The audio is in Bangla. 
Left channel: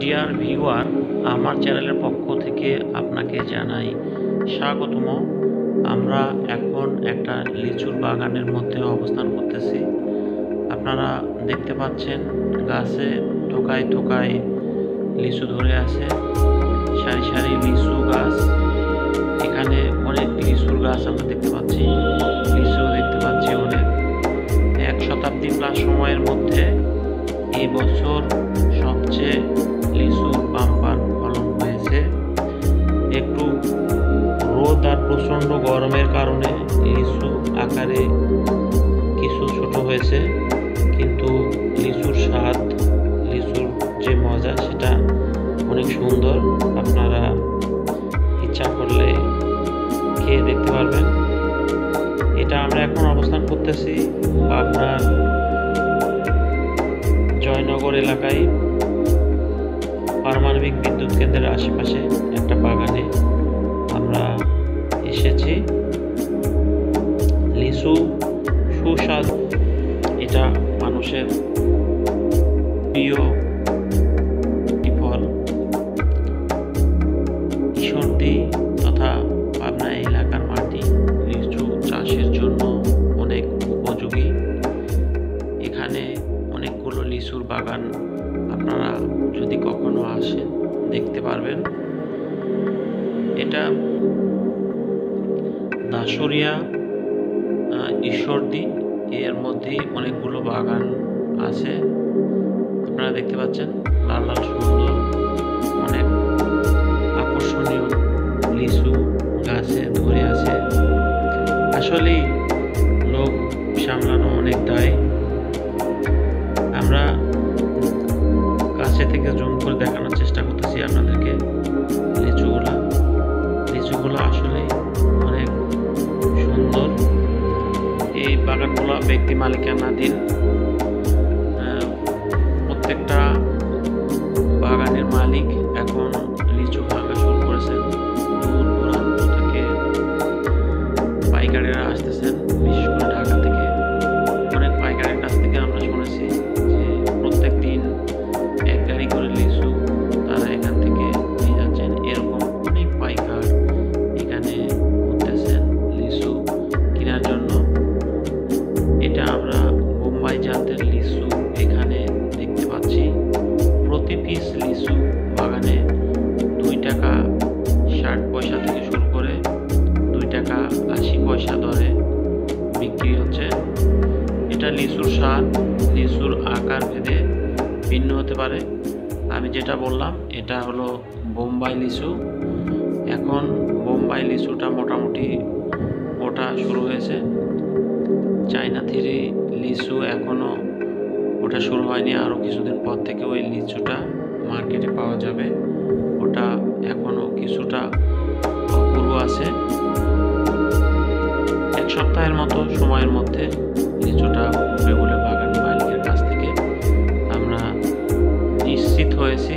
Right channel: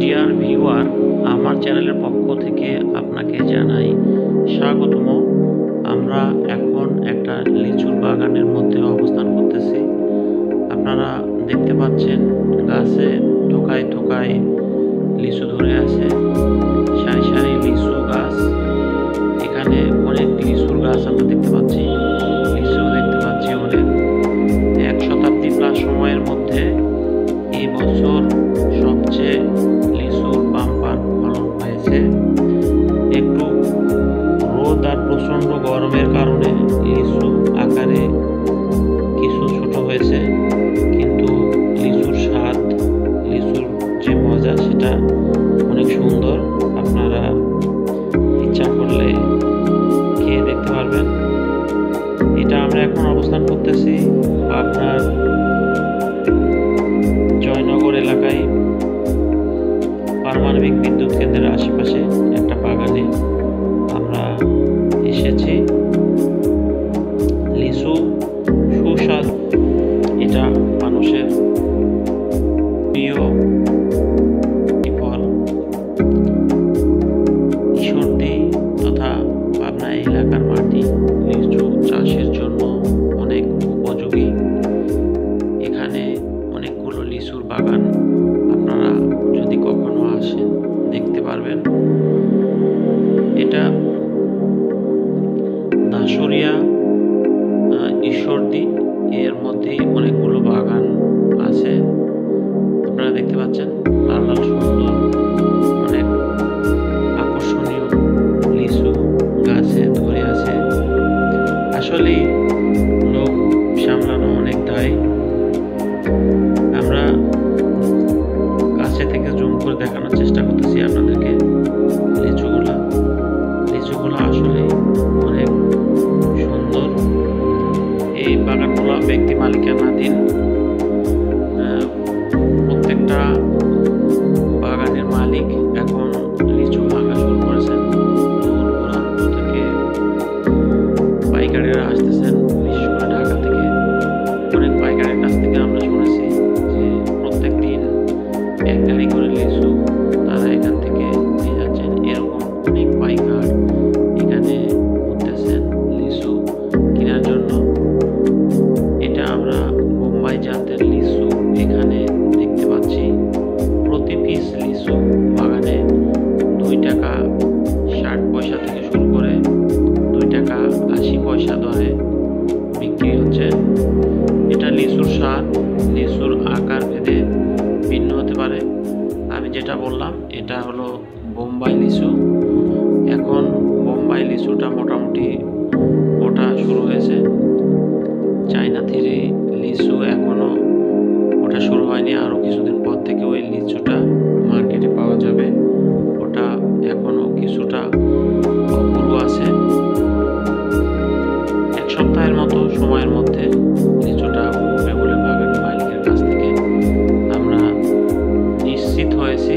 ডিয়ার ভিউয়ার, আমার চ্যানেলের পক্ষ থেকে আপনাকে জানাই স্বাগতম। আমরা এখন একটা লিচুর বাগানের মধ্যে অবস্থান করতেছি। আপনারা দেখতে পাচ্ছেন গাছে ঠোকায় ঠোকায় লিচু ধরে আছে, সারি সারি লিচু গাছ। এখানে অনেক লিচুর গাছ আমরা দেখতে পাচ্ছি, লিচু দেখতে পাচ্ছি অনেক। 1 শতাব্দী প্লাস সময়ের মধ্যে এই বছর সবচেয়ে লিচুর বাম্পার ফলন হয়েছে। একটু রোদ আর প্রচণ্ড গরমের কারণে লিচু আকারে কিছু ছোট হয়েছে, কিন্তু লিচুর স্বাদ, লিচুর যে মজা সেটা অনেক সুন্দর। আপনারা ইচ্ছা করলে খেয়ে দেখতে পারবেন। এটা আমরা এখন অবস্থান করতেছি পাবনার জয়নগর এলাকায় পারমাণবিক বিদ্যুৎ কেন্দ্রের আশেপাশে একটা বাগানে আমরা এসেছি। লিচু সুস্বাদ, এটা মানুষের প্রিয় ফল। ঈশ্বরদী তথা পাবনা এলাকার মাটি লিচু চাষের জন্য অনেক উপযোগী। এখানে অনেকগুলো লিচুর বাগান আপনারা যদি কখনো আসেন দেখতে পারবেন। এটা দাসুরিয়া ঈশ্বরদী, এর মধ্যে অনেকগুলো বাগান আছে। আপনারা দেখতে পাচ্ছেন লাল লাল সুন্দর অনেক আকর্ষণীয় লিচু গাছে ধরে আছে। আসলেই লোক সামলানো অনেক দায়। আমরা কাছে থেকে জুম করে দেখানোর চেষ্টা করতেছি আপনাদেরকে লিচুগুলো আসলে অনেক সুন্দর। এই বাগানগুলো ব্যক্তি মালিকানাধীন। প্রত্যেকটা বাগানের মালিক এখন লিচু ভাঙা শুরু করেছেন। দূর দূরান্ত থেকে পাইকারিরা আসতেছেন, বিশেষ করে ঢাকা থেকে। অনেক পাইকারের কাছ থেকে আমরা শুনেছি যে প্রত্যেক দিন 1 গাড়ি করে লিচু তারা এখান থেকে নিয়ে যাচ্ছেন। এরকম অনেক পাইকার এখানে ঘুরতেছেন লিচু কেনার জন্য। এটা আমরা বোম্বাই জাতের লিচু এখানে দেখতে পাচ্ছি। প্রতি পিস লিচু বাগানে 2 টাকা 60 পয়সা থেকে শুরু করে 2 টাকা 80 পয়সা দরে বিক্রি হচ্ছে। এটা লিচুর স্বাদ, লিচুর আকার ভেদে ভিন্ন হতে পারে। আমি যেটা বললাম এটা হলো বোম্বাই লিচু। এখন বোম্বাই লিচুটা মোটামুটি ওটা শুরু হয়েছে। চায়না থ্রি লিচু এখনও ওটা শুরু হয়নি, আরও কিছুদিন পর থেকে ওই লিচুটা মার্কেটে পাওয়া যাবে। ওটা এখনও কিছুটা অপূর্ব আছে। 1 সপ্তাহের মতো সময়ের মধ্যে লিচুটা উঠবে বলে বাগান মালিকের কাছ থেকে আমরা নিশ্চিত হয়েছি।